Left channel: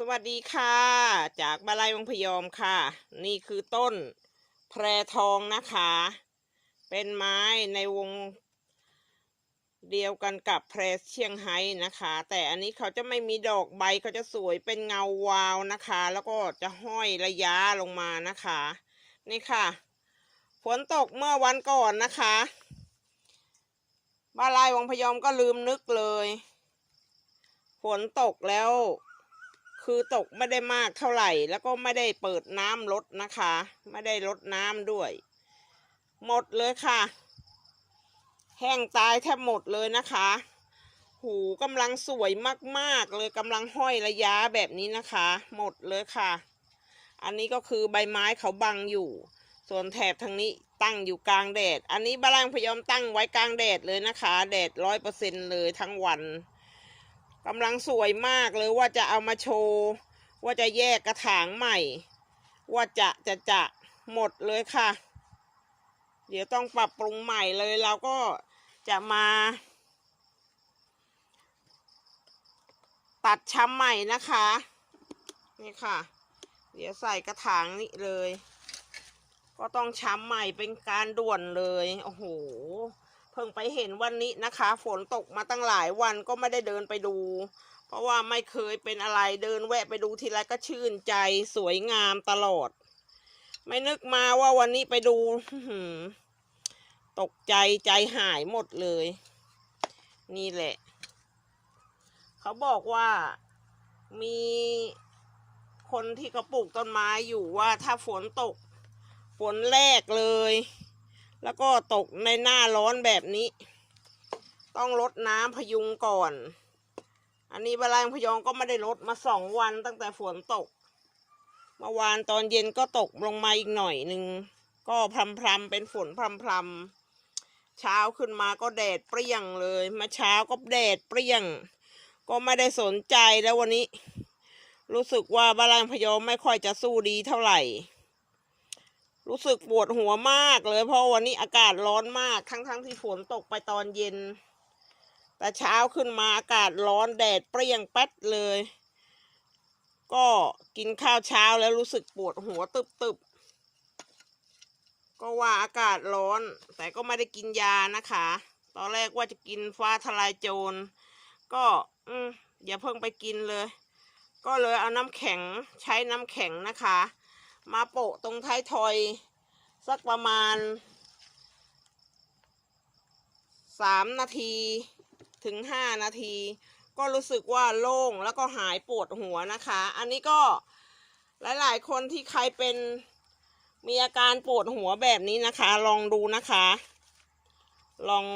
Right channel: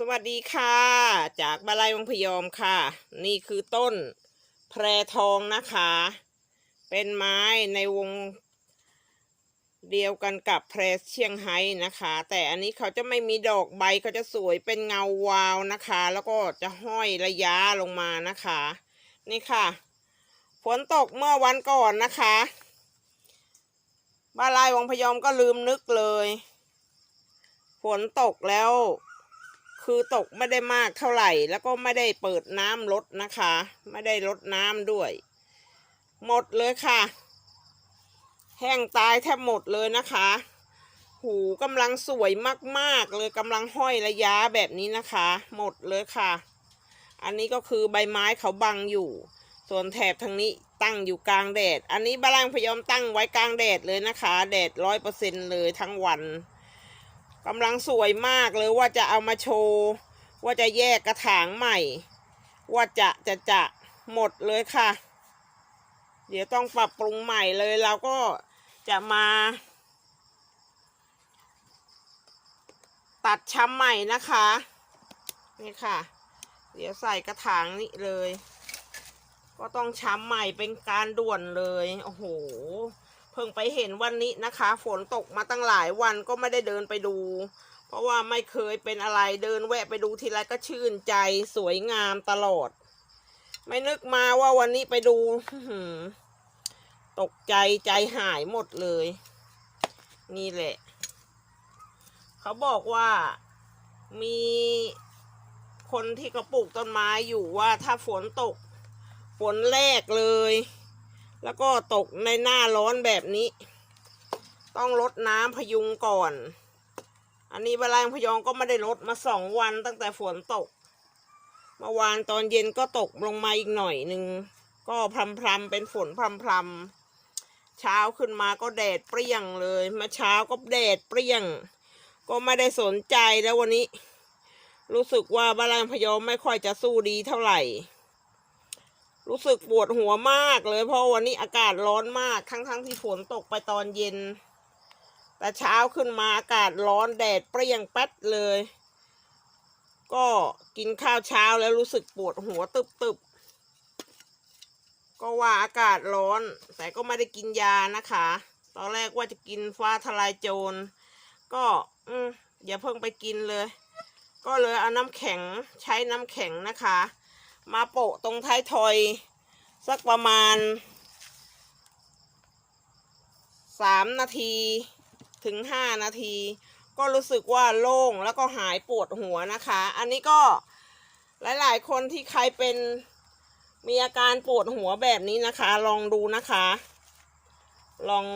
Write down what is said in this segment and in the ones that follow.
สวัสดีค่ะ จากบาลัยวังพยอมค่ะ นี่คือต้นแพรทองนะคะ เป็นไม้ในวงเดียวกันกับแพรเชียงไฮ้นะคะ แต่อันนี้เขาจะไม่มีดอกใบเขาจะสวยเป็นเงาวาวนะคะ แล้วก็จะห้อยระยะลงมานะคะ นี่ค่ะ ฝนตกเมื่อวันก่อนนะคะบาลัยวังพยอมก็ลืมนึกเลย ฝนตกแล้ว คือตกไม่ได้มากเท่าไหร่ แล้วก็ไม่ได้เปิดน้ำลดนะคะ ไม่ได้ลดน้ำด้วย หมดเลยค่ะ แห้งตายแทบหมดเลยนะคะ หูกำลังสวยมากๆเลยกำลังห้อยระยะแบบนี้นะคะ หมดเลยค่ะ อันนี้ก็คือใบไม้เขาบังอยู่ ส่วนแถบทางนี้ตั้งอยู่กลางแดด อันนี้บาลังพยอมตั้งไว้กลางแดดเลยนะคะ แดดร้อยเปอร์เซ็นเลยทั้งวัน กำลังสวยมากเลยว่าจะเอามาโชว์ ว่าจะแยกกระถางใหม่ ว่าจะจะจะหมดเลยค่ะ เดี๋ยวต้องปรับปรุงใหม่เลยเราก็จะมา ตัดช้ำใหม่นะคะ นี่ค่ะ เดี๋ยวใส่กระถางนี้เลย ก็ต้องช้ำใหม่เป็นการด่วนเลย โอ้โห พิ่งไปเห็นวันนี้นะคะ ฝนตกมาตั้งหลายวันก็ไม่ได้เดินไปดู เพราะว่าไม่เคยเป็นอะไรเดินแวะไปดูทีไรก็ชื่นใจสวยงามตลอด ไม่นึกมาว่าวันนี้ไปดูตกใจใจหายหมดเลย นี่แหละ เขาบอกว่ามีคนที่เขาปลูกต้นไม้อยู่ว่าถ้าฝนตกฝนแรกเลย แล้วก็ตกในหน้าร้อนแบบนี้ ต้องลดน้ำพยุงก่อน อันนี้เวลาพยองก็ไม่ได้ลดมาสองวันตั้งแต่ฝนตก เมื่อวานตอนเย็นก็ตกลงมาอีกหน่อยหนึ่ง ก็พรำพรำๆเป็นฝนพรำพรำๆเช้าขึ้นมาก็แดดเปรี้ยงเลยมาเช้าก็แดดเปรี้ยง ก็ไม่ได้สนใจแล้ววันนี้ รู้สึกว่าบาลังพยองไม่ค่อยจะสู้ดีเท่าไหร่ รู้สึกปวดหัวมากเลย เพราะวันนี้อากาศร้อนมาก ทั้งๆทที่ฝนตกไปตอนเย็น แต่เช้าขึ้นมาอากาศร้อนแดดเปรี้ยงแป๊ดเลย ก็กินข้าวเช้าแล้วรู้สึกปวดหัวตึบๆ ก็ว่าอากาศร้อน แต่ก็ไม่ได้กินยานะคะ ตอนแรกว่าจะกินฟ้าทลายโจร ก็อืมอย่าเพิ่งไปกินเลย ก็เลยเอาน้ำแข็งใช้น้ำแข็งนะคะ มาโปะตรงท้ายทอย สักประมาณสามนาทีถึงห้านาที ก็รู้สึกว่าโล่งแล้วก็หายปวดหัวนะคะ อันนี้ก็หลาย ๆ คนที่ใครเป็นมีอาการปวดหัวแบบนี้นะคะ ลองดูนะคะ ลอง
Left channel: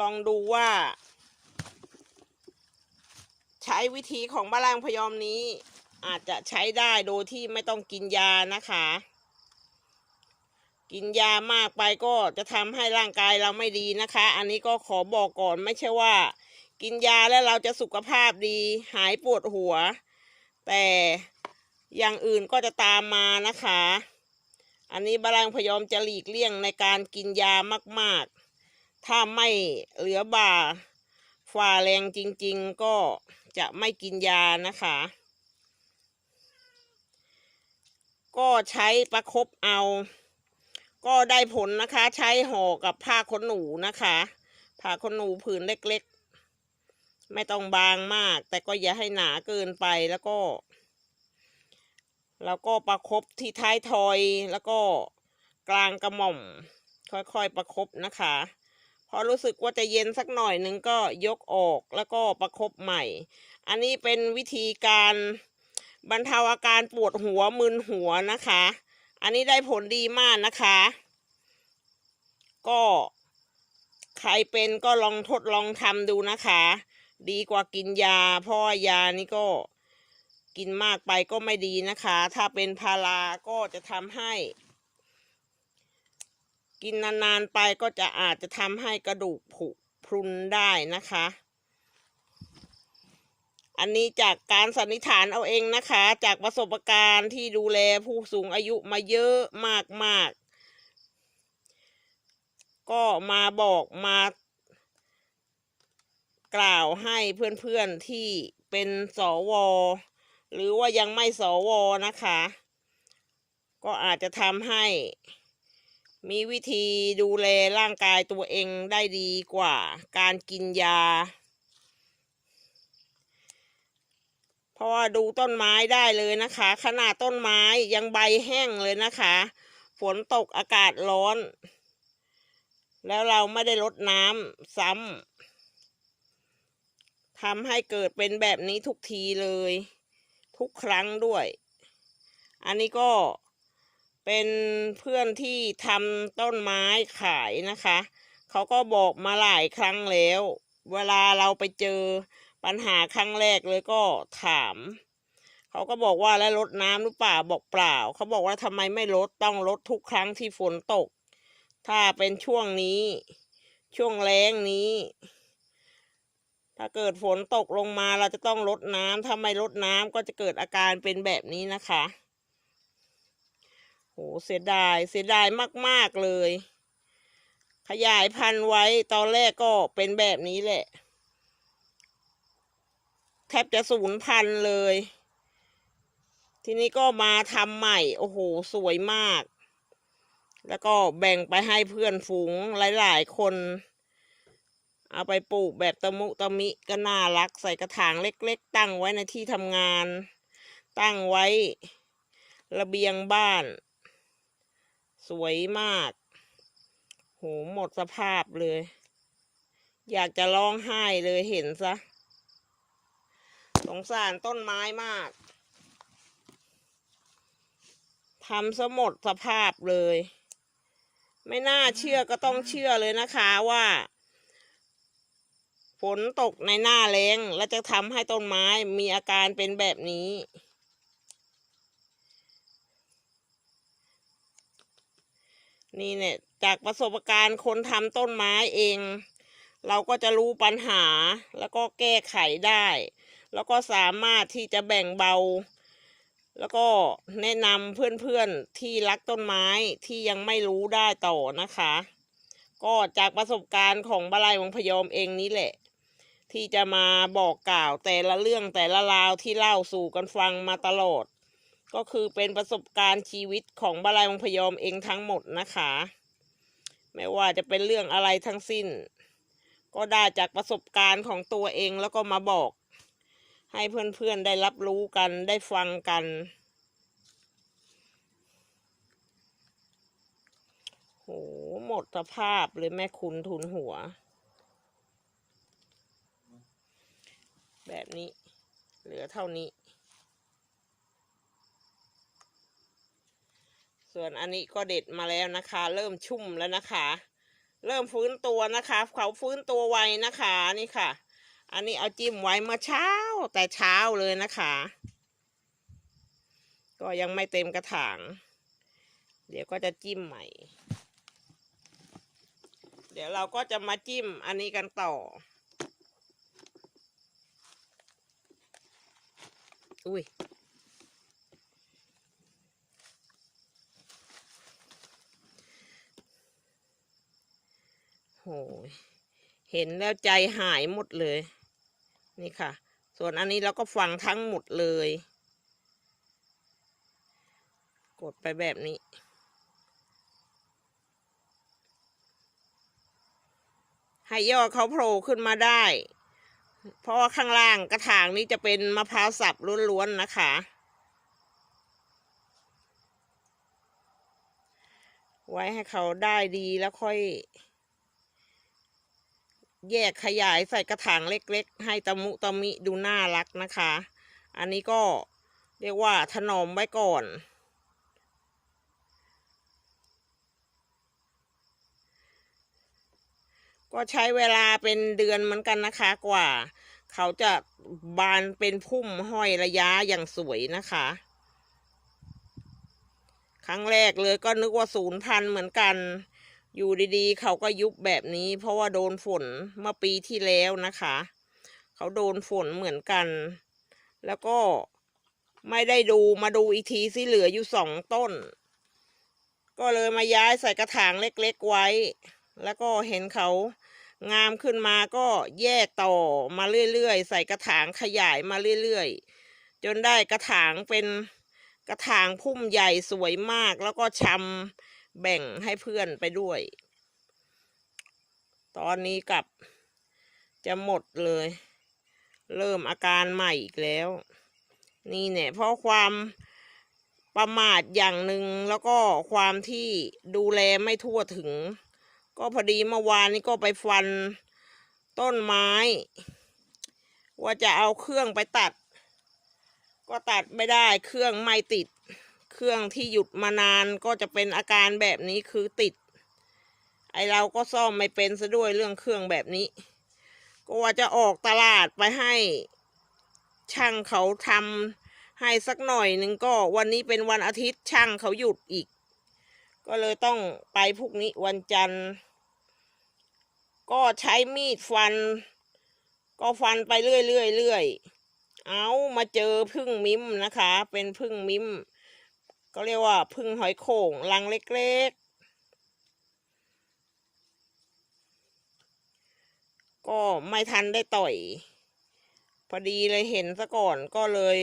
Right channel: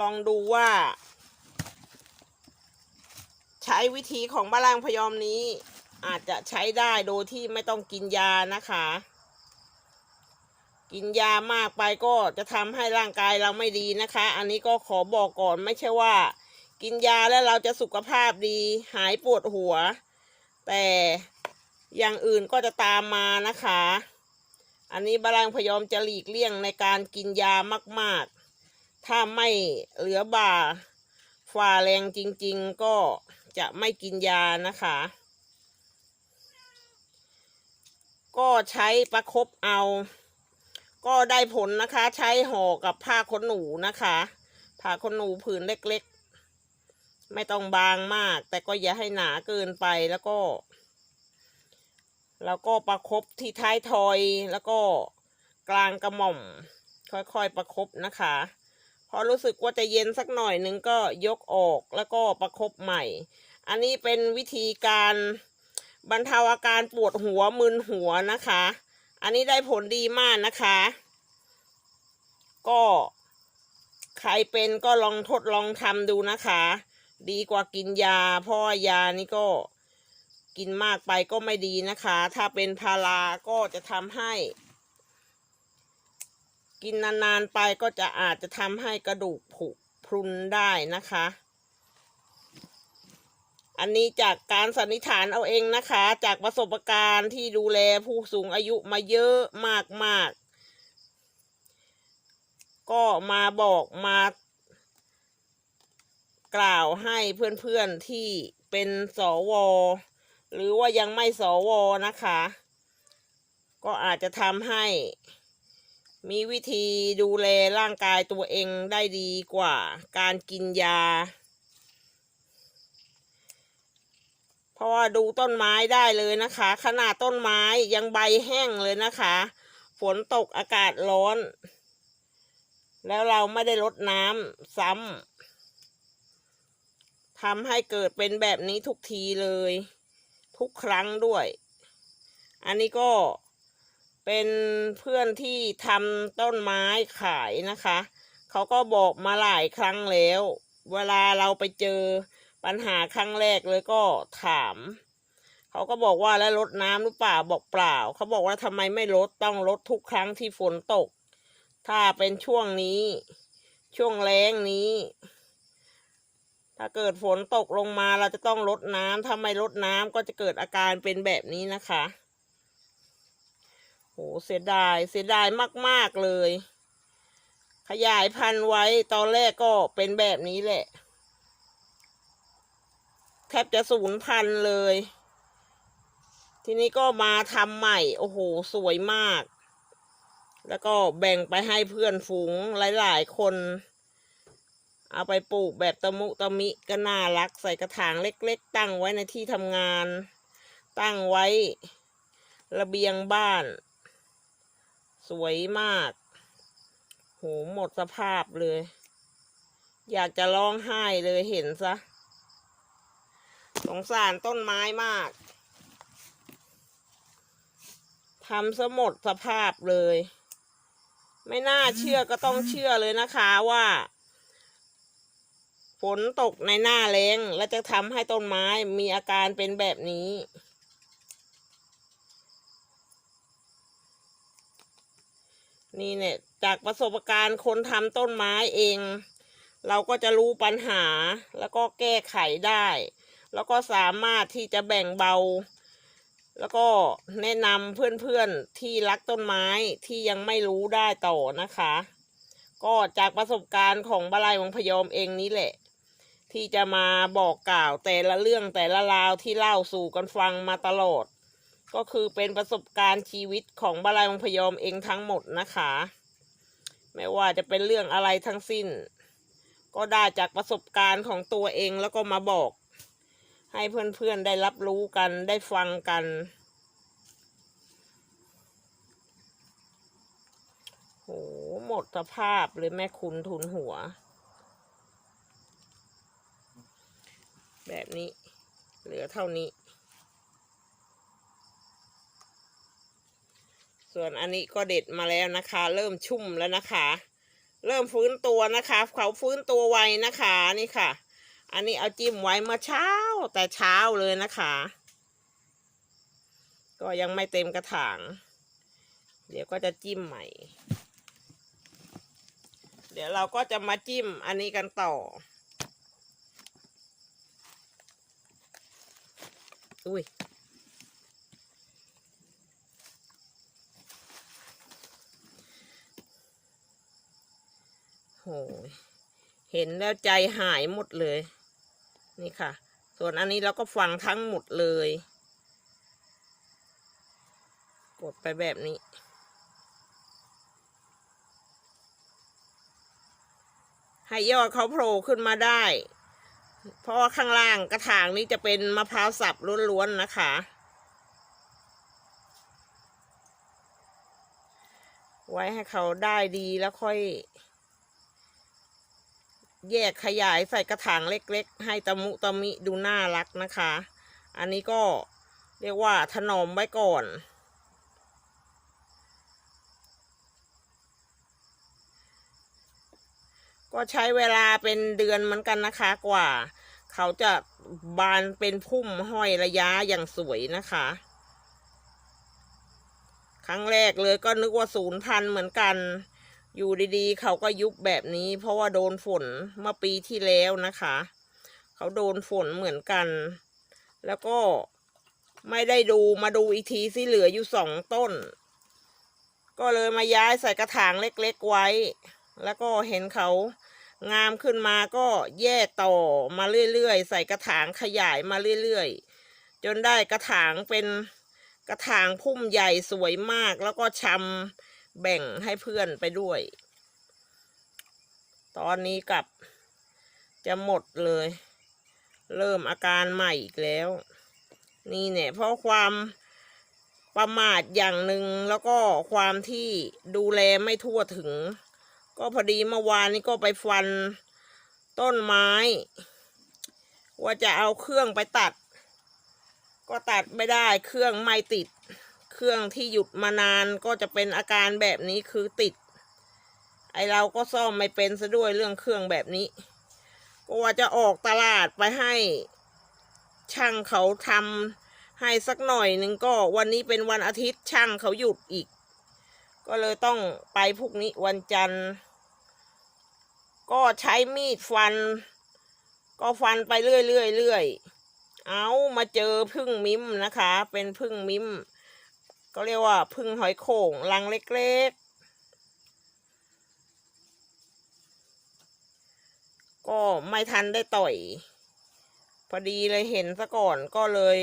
ลองดูว่า ใช้วิธีของบาลังพยอมนี้ อาจจะใช้ได้โดยที่ไม่ต้องกินยานะคะ กินยามากไปก็จะทำให้ร่างกายเราไม่ดีนะคะ อันนี้ก็ขอบอกก่อนไม่ใช่ว่า กินยาแล้วเราจะสุขภาพดีหายปวดหัว แต่อย่างอื่นก็จะตามมานะคะ อันนี้บาลังพยอมจะหลีกเลี่ยงในการกินยามากๆ ถ้าไม่เหลือบ่าฝ่าแรงจริง ๆ ก็จะไม่กินยานะคะ ก็ใช้ประคบเอา ก็ได้ผลนะคะ ใช้ห่อกับผ้าขนหนูนะคะ ผ้าขนหนูผืนเล็กๆ ไม่ต้องบางมาก แต่ก็อย่าให้หนาเกินไปแล้วก็ แล้วก็ประคบที่ท้ายทอยแล้วก็กลางกระหม่อม ค่อยๆประคบนะคะพอรู้สึกว่าจะเย็นสักหน่อยหนึงก็ยกออกแล้วก็ประคบใหม่ อันนี้เป็นวิธีการ บรรเทาอาการปวดหัวมึนหัวนะคะ อันนี้ได้ผลดีมากนะคะ ก็ใครเป็นก็ลองทดลองทำดูนะคะ ดีกว่ากินยา เพราะยานี่ก็กินมากไปก็ไม่ดีนะคะ ถ้าเป็นพาราก็จะทำให้ กินนานๆไปก็จะอาจจะทำให้กระดูกผุพรุนได้นะคะ อันนี้จากการสันนิษฐานเอาเองนะคะ จากประสบการณ์ที่ดูแลผู้สูงอายุมาเยอะมากๆก็มาบอกมากกล่าวให้เพื่อนๆที่เป็นสว หรือว่ายังไม่สวนะคะ ก็อาจจะทำให้มีวิธีดูแลร่างกายตัวเองได้ดีกว่าการกินยา เพราะว่าดูต้นไม้ได้เลยนะคะ ขนาดต้นไม้ยังใบแห้งเลยนะคะ ฝนตกอากาศร้อน แล้วเราไม่ได้ลดน้ำซ้ำทำให้เกิดเป็นแบบนี้ทุกทีเลย ทุกครั้งด้วย อันนี้ก็เป็นเพื่อนที่ทำต้นไม้ขายนะคะ เขาก็บอกมาหลายครั้งแล้ว เวลาเราไปเจอ ปัญหาครั้งแรกเลยก็ถาม เขาก็บอกว่าแล้วลดน้ำหรือเปล่าบอกเปล่า เขาบอกว่าทำไมไม่ลดต้องลดทุกครั้งที่ฝนตก ถ้าเป็นช่วงนี้ ช่วงแล้งนี้ ถ้าเกิดฝนตกลงมาเราจะต้องลดน้ำถ้าไม่ลดน้ำก็จะเกิดอาการเป็นแบบนี้นะคะโหเสียดายเสียดายมาก ๆ เลย ขยายพันธุ์ไว้ตอนแรกก็เป็นแบบนี้แหละ แทบจะสูญพันเลย ทีนี้ก็มาทำใหม่ โอ้โห สวยมาก แล้วก็แบ่งไปให้เพื่อนฝูงหลาย ๆ คน เอาไปปลูกแบบตะมุตะมิก็น่ารัก ใส่กระถางเล็ก ๆ ตั้งไว้ในที่ทำงาน ตั้งไว้ ระเบียงบ้าน สวยมาก โห หมดสภาพเลย อยากจะร้องไห้เลยเห็นซะ สงสารต้นไม้มากทำซะหมดสภาพเลย ไม่น่าเชื่อก็ต้องเชื่อเลยนะคะว่า ฝนตกในหน้าแล้งและจะทำให้ต้นไม้มีอาการเป็นแบบนี้นี่เนี่ยจากประสบการณ์คนทำต้นไม้เอง เราก็จะรู้ปัญหาแล้วก็แก้ไขได้ แล้วก็สามารถที่จะแบ่งเบา แล้วก็แนะนำเพื่อนๆที่รักต้นไม้ที่ยังไม่รู้ได้ต่อนะคะ ก็จากประสบการณ์ของบาลายวังพยอมเองนี้แหละ ที่จะมาบอกกล่าวแต่ละเรื่องแต่ละราวที่เล่าสู่กันฟังมาตลอด ก็คือเป็นประสบการณ์ชีวิตของบาลายวังพยอมเองทั้งหมดนะคะ ไม่ว่าจะเป็นเรื่องอะไรทั้งสิ้น ก็ได้จากประสบการณ์ของตัวเองแล้วก็มาบอก ให้เพื่อนๆได้รับรู้กันได้ฟังกัน โห หมดสภาพเลยแม่คุณทุนหัว แบบนี้ เหลือเท่านี้ ส่วนอันนี้ก็เด็ดมาแล้วนะคะ เริ่มชุ่มแล้วนะคะ เริ่มฟื้นตัวนะคะ เขาฟื้นตัวไวนะคะนี่ค่ะ อันนี้เอาจิ้มไว้เมื่อเช้าแต่เช้าเลยนะคะ ก็ยังไม่เต็มกระถาง เดี๋ยวก็จะจิ้มใหม่ เดี๋ยวเราก็จะมาจิ้มอันนี้กันต่อ อุ้ยโหยเห็นแล้วใจหายหมดเลย นี่ค่ะ ส่วนอันนี้เราก็ฟังทั้งหมดเลย กดไปแบบนี้ ให้ยอดเขาโผล่ขึ้นมาได้ เพราะว่าข้างล่างกระถางนี้จะเป็นมะพร้าวสับล้วนๆนะคะไว้ให้เขาได้ดีแล้วค่อย แยกขยายใส่กระถางเล็ก ๆ ให้ตะมุตะมิดูน่ารักนะคะ อันนี้ก็เรียกว่าถนอมไว้ก่อนก็ใช้เวลาเป็นเดือนเหมือนกันนะคะกว่า เขาจะบานเป็นพุ่มห้อยระยะอย่างสวยนะคะ ครั้งแรกเลยก็นึกว่าศูนย์พันเหมือนกัน อยู่ดีๆ เขาก็ยุบแบบนี้ เพราะว่าโดนฝนเมื่อปีที่แล้วนะคะ เขาโดนฝนเหมือนกัน แล้วก็ไม่ได้ดูมาดูอีกทีสิเหลืออยู่สองต้น ก็เลยมาย้ายใส่กระถางเล็กๆไว้ แล้วก็เห็นเขางามขึ้นมาก็แย่ต่อมาเรื่อยๆ ใส่กระถางขยายมาเรื่อยๆ จนได้กระถางเป็นกระถางพุ่มใหญ่สวยมากแล้วก็ชำ แบ่งให้เพื่อนไปด้วย ตอนนี้กลับจะหมดเลย เริ่มอาการใหม่อีกแล้ว นี่เนี่ยเพราะความประมาทอย่างหนึ่งแล้วก็ความที่ดูแลไม่ทั่วถึง ก็พอดีเมื่อวานนี้ก็ไปฟันต้นไม้ ว่าจะเอาเครื่องไปตัด ก็ตัดไม่ได้เครื่องไม่ติด เครื่องที่หยุดมานานก็จะเป็นอาการแบบนี้คือติด ไอเราก็ซ่อมไม่เป็นซะด้วยเรื่องเครื่องแบบนี้ ก็ว่าจะออกตลาดไปให้ ช่างเขาทำให้สักหน่อยหนึ่งก็วันนี้เป็นวันอาทิตย์ช่างเขาหยุดอีก ก็เลยต้องไปพรุ่งนี้วันจันทร์ ก็ใช้มีดฟัน ก็ฟันไปเรื่อยเรื่อยเรื่อยเอามาเจอพึ่งมิมนะคะ เป็นพึ่งมิ้ม ก็เรียกว่าพึ่งหอยโข่งรังเล็กๆ ก็ไม่ทันได้ต่อย พอดีเลยเห็นซะก่อนก็เลย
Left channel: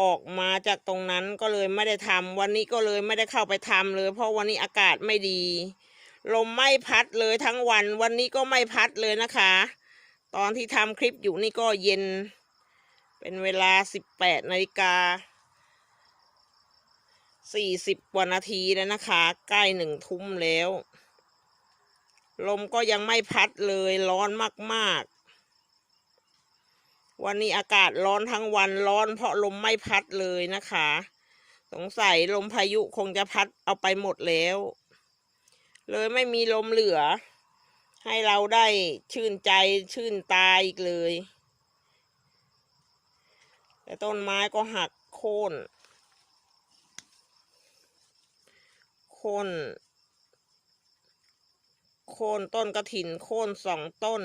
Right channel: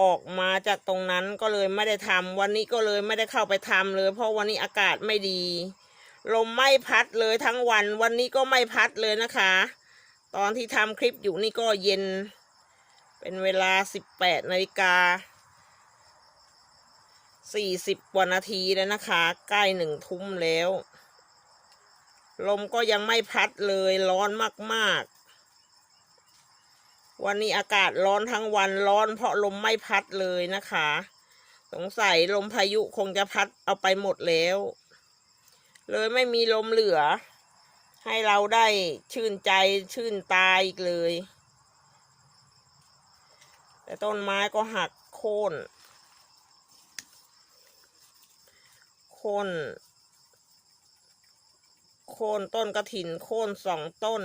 ออกมาจากตรงนั้นก็เลยไม่ได้ทำวันนี้ก็เลยไม่ได้เข้าไปทำเลย เพราะวันนี้อากาศไม่ดี ลมไม่พัดเลยทั้งวัน วันนี้ก็ไม่พัดเลยนะคะ ตอนที่ทำคลิปอยู่นี่ก็เย็น เป็นเวลาสิบแปดนาฬิกา สี่สิบกว่านาทีแล้วนะคะ ใกล้หนึ่งทุ่มแล้ว ลมก็ยังไม่พัดเลยร้อนมากๆ วันนี้อากาศร้อนทั้งวันร้อนเพราะลมไม่พัดเลยนะคะ สงสัยลมพายุคงจะพัดเอาไปหมดแล้ว เลยไม่มีลมเหลือ ให้เราได้ชื่นใจชื่นตาอีกเลย แต่ต้นไม้ก็หักโค่นโค่นโคนต้นกระถินโคนสองต้น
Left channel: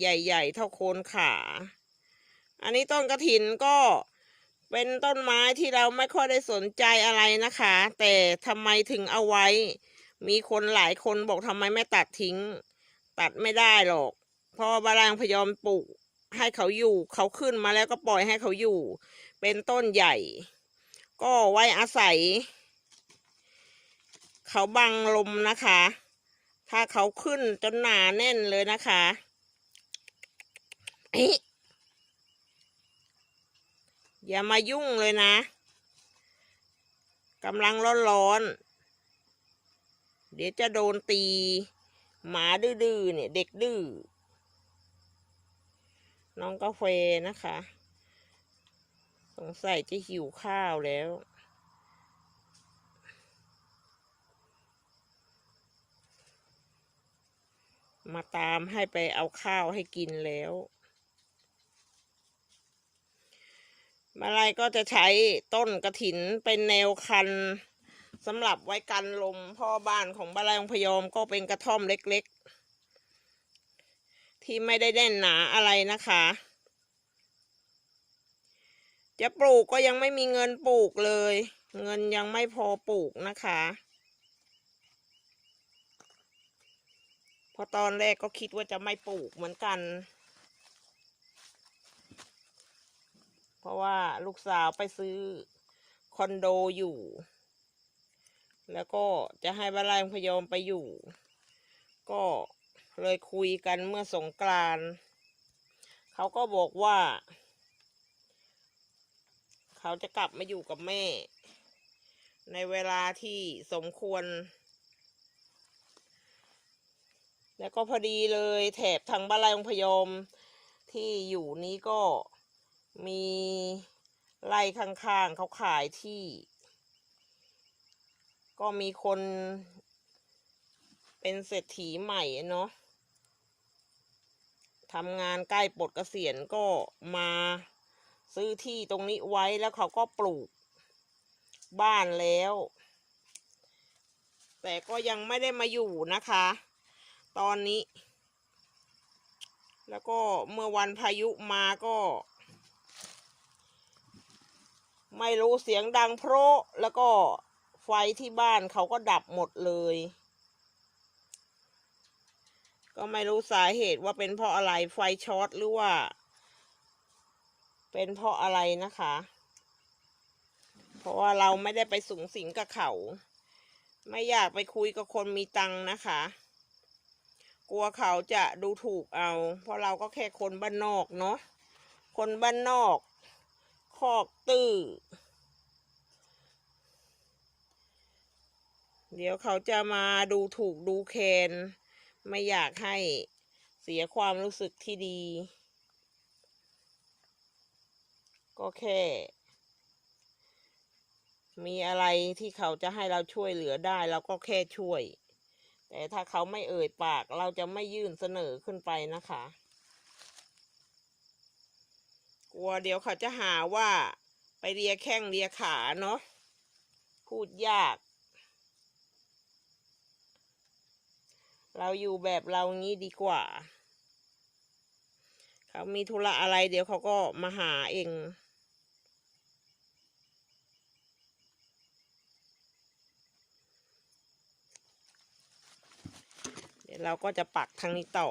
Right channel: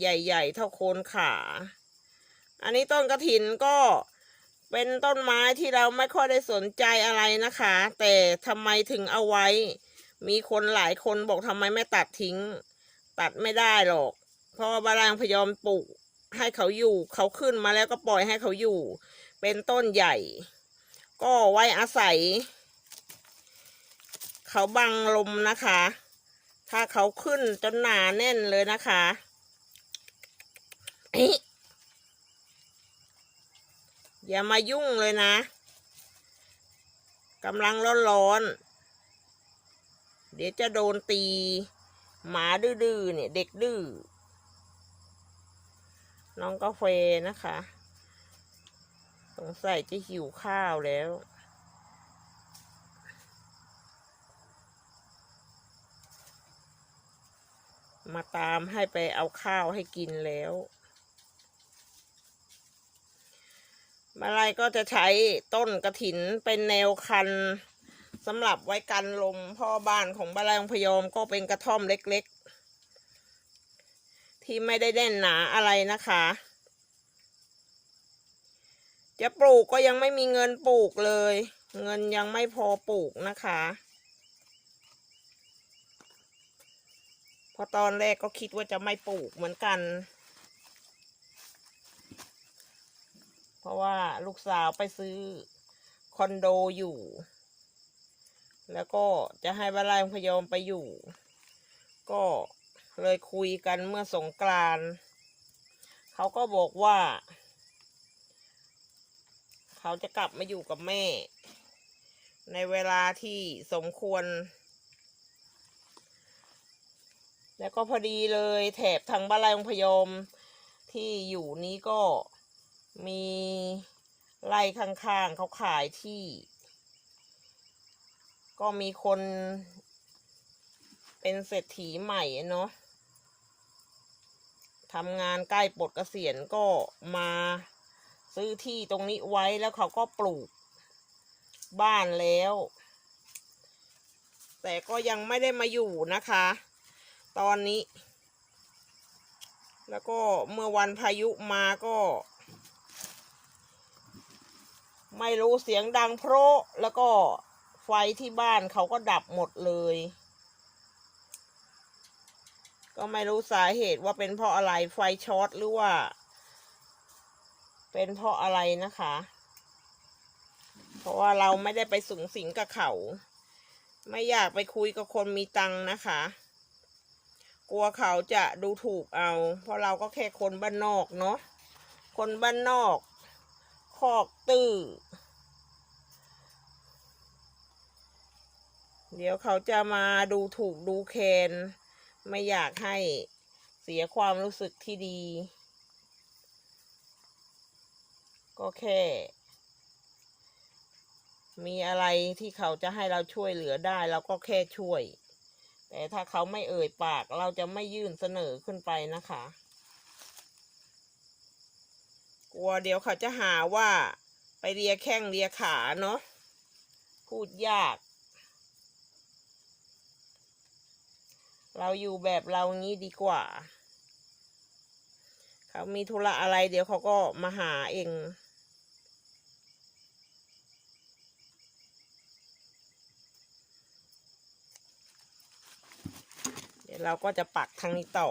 ใหญ่ ๆ เท่าโคนขา อันนี้ต้นกระถินก็เป็นต้นไม้ที่เราไม่ค่อยได้สนใจอะไรนะคะ แต่ทำไมถึงเอาไว้ มีคนหลายคนบอกทำไมไม่ตัดทิ้ง ตัดไม่ได้หรอก เพราะว่าบารางพยอมปลูกให้เขาอยู่เขาขึ้นมาแล้วก็ปล่อยให้เขาอยู่ เป็นต้นใหญ่ ก็ไว้อาศัย เขาบังลมนะคะ ถ้าเขาขึ้นจนหนาแน่นเลยนะคะเอ๊ะอย่ามายุ่งเลยนะกำลังร้อนๆ เดี๋ยวจะโดนตี หมาดื้อๆเนี่ยเด็กดื้อ น้องกาแฟนะคะ สงสัยจะหิวข้าวแล้ว มามให้ไปเอาข้าวให้กินแล้ว มาลัยก็จะใช้ต้นกระถินเป็นแนวคันสำหรับไว้กันลมพ่อบ้านของบาลายองพยอมก็เป็นกระท่อมเล็กๆ ที่ไม่ได้แน่นหนาอะไรนะคะ จะปลูกก็ยังไม่มีเงินปลูกเลย เงินยังไม่พอปลูกนะคะ พราะตอนแรกก็คิดว่าจะไม่ปลูกเหมือนกัน เพราะว่าลูกสาวไปซื้อคอนโดอยู่ แล้วก็จะให้บารายพยอมไปอยู่ ก็เลยคุยกันเมื่อสงกรานเขาก็บอกว่า เขาจะกลับมาอยู่กับแม่ ในเวลาที่สมควร แล้วก็พอดีเลยแถบทางบ้านไรองพยอมที่อยู่นี้ก็มีไร่ข้างๆเขาขายที่ ก็มีคนเป็นเศรษฐีใหม่เนาะทำงานใกล้ปลดเกษียณก็มาซื้อที่ตรงนี้ไว้แล้วเขาก็ปลูกบ้านแล้ว แต่ก็ยังไม่ได้มาอยู่นะคะ ตอนนี้ แล้วก็เมื่อวันพายุมาก็ ไม่รู้เสียงดังโพระแล้วก็ไฟที่บ้านเขาก็ดับหมดเลย ก็ไม่รู้สาเหตุว่าเป็นเพราะอะไรไฟช็อตหรือว่า เป็นเพราะอะไรนะคะ เพราะว่าเราไม่ได้ไปสูงสิงกับเขา ไม่อยากไปคุยกับคนมีตังนะคะ กลัวเขาจะดูถูกเอา เพราะเราก็แค่คนบ้านนอกเนาะคนบ้านนอกคอกตื้อเดี๋ยวเขาจะมาดูถูกดูแคน ไม่อยากให้เสียความรู้สึกที่ดี ก็แค่ มีอะไรที่เขาจะให้เราช่วยเหลือได้ เราก็แค่ช่วย แต่ถ้าเขาไม่เอ่ยปากเราจะไม่ยื่นเสนอขึ้นไปนะคะ กลัวเดี๋ยวเขาจะหาว่าไปเลียแข้งเลียขาเนาะพูดยาก เราอยู่แบบเรางี้ดีกว่า เขามีธุระอะไรเดี๋ยวเขาก็มาหาเอง ดี๋ยวเราก็จะปักทางนี้ต่อ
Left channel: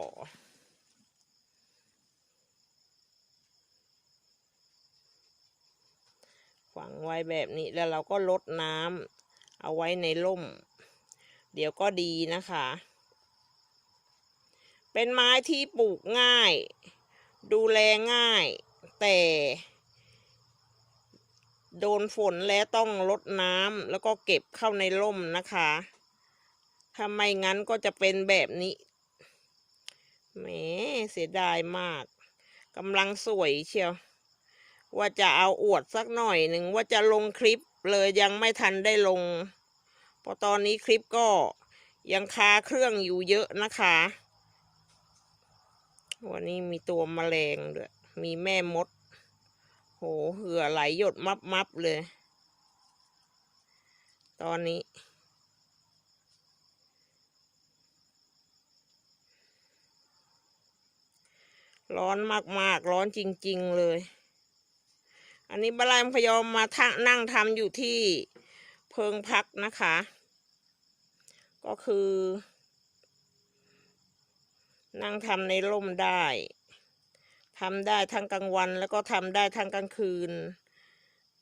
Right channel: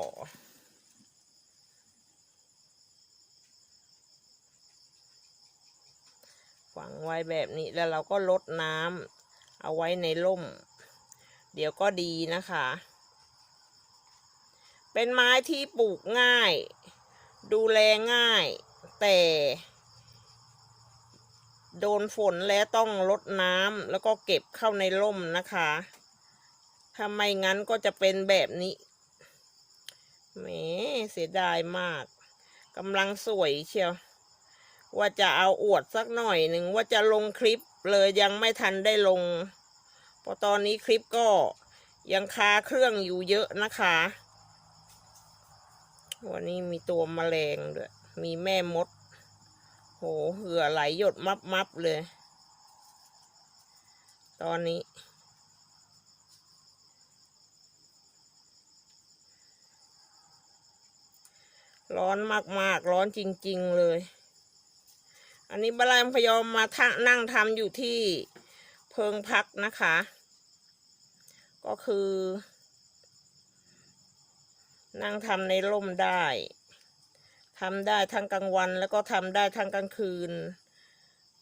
ฝังไว้แบบนี้แล้วเราก็ลดน้ำเอาไว้ในร่ม เดี๋ยวก็ดีนะคะ เป็นไม้ที่ปลูกง่าย ดูแลง่าย แต่โดนฝนแล้วต้องลดน้ำแล้วก็เก็บเข้าในร่มนะคะ ถ้าไม่งั้นก็จะเป็นแบบนี้แหมเสียดายมากกำลังสวยเชียว ว่าจะเอาอวดสักหน่อยหนึ่งว่าจะลงคลิปเลยยังไม่ทันได้ลงเพราะตอนนี้คลิปก็ยังคาเครื่องอยู่เยอะนะคะ วันนี้มีตัวแมลงด้วย มีแม่มด โหเหือไหลหยดมับมับเลย ตอนนี้ ร้อนมากๆ ร้อนจริง ๆ เลย อันนี้บาลามพยอมมาทะนั่งทำอยู่ที่เพิงพักนะคะ ก็คือ นั่งทำในร่มได้ทำได้ทั้งกลางวันแล้วก็ทำได้ทั้งกลางคืน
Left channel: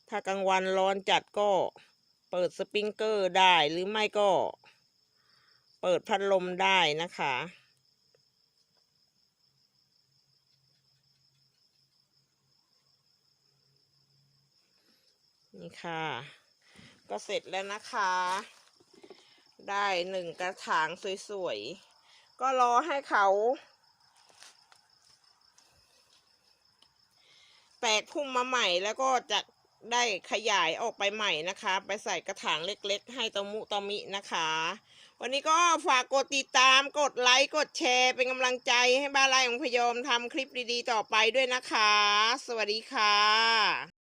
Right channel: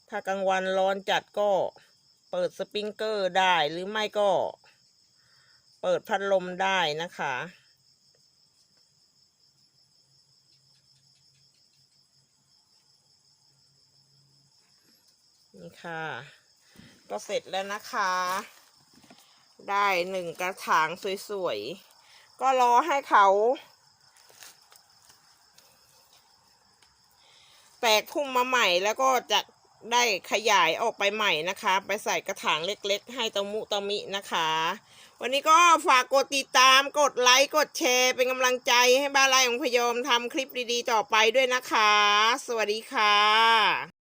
ถ้ากลางวันร้อนจัดก็เปิดสปริงเกอร์ได้หรือไม่ก็ เปิดพัดลมได้นะคะ ค่ะ ก็เสร็จแล้วนะคะ ได้หนึ่งกระถางสวยๆ ก็รอให้เขา แตกพุ่มมาใหม่แล้วก็จะได้ขยายออกไปใหม่นะคะ ไปใส่กระถางเล็กๆ ให้ตะมุตะมินะคะ วันนี้ก็ฝากกดติดตามกดไลค์ กดแชร์ เป็นกำลังใจให้บ้านไร่ของพยอมทำคลิปดีๆ ต่อไปด้วยนะคะ สวัสดีค่ะ